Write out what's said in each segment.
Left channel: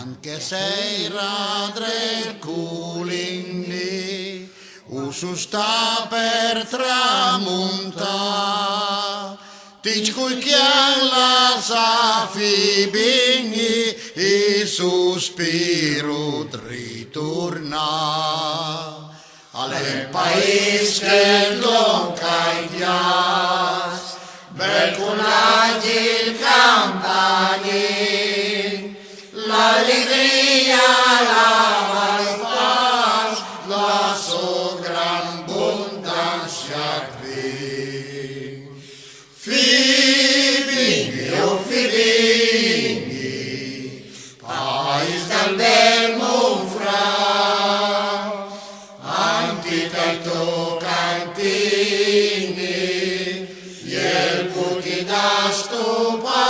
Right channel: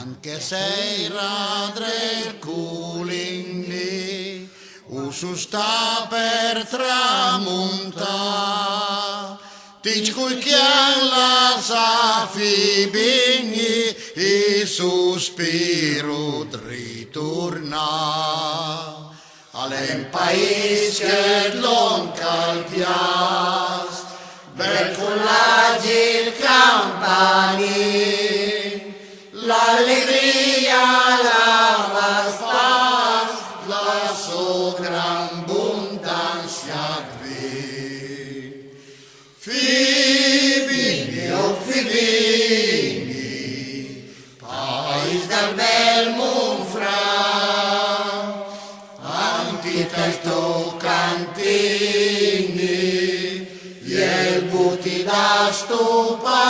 Anche sei radre culingli, usu sta per tramonta, tic cui chialla sa fibigni, e sospiro ritorna. All'en país che l'on caidias, bel con l'agil campani, l'allegria, la paz, la so gran abbondanza qui. Fibigni, oh fibigni, país del bel Monfrà, Antitalto cantini, el buti da stupa.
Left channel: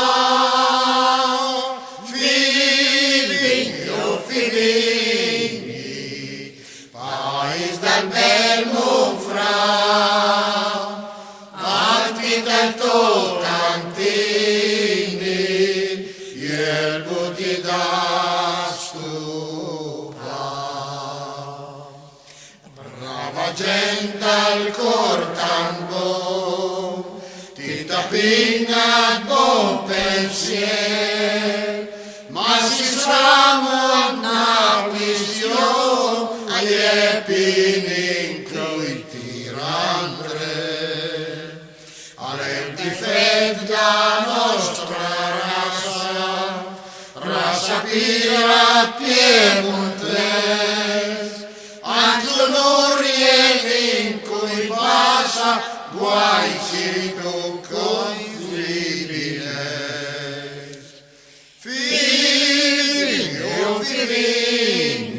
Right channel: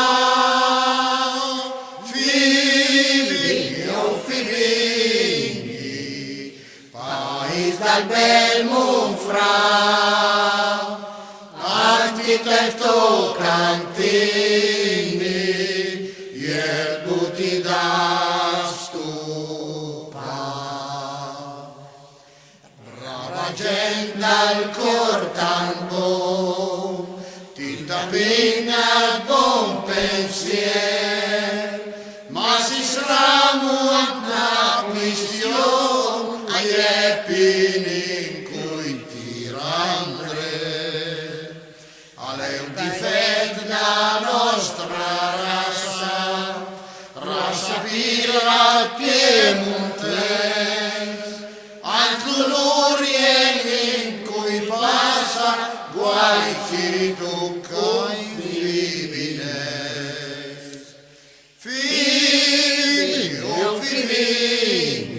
Figli, oh figli, país del bel Monfrà, Antitalto cantini, el buti da stupa. Brava gent del cor tan bo, ti tapinga bon pensier, ma si sramo una questione, ai pinin cui tirandre. Alle un difetto la nostra razza pira piemontes, in cui passa guai ci tocca infibile. Figli, oh figli,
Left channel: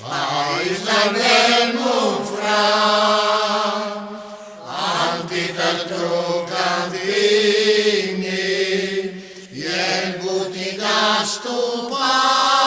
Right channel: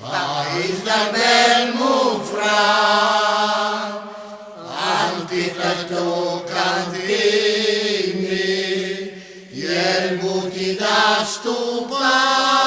país del bel Monfrà, Antitalto cantini, el buti da stupa.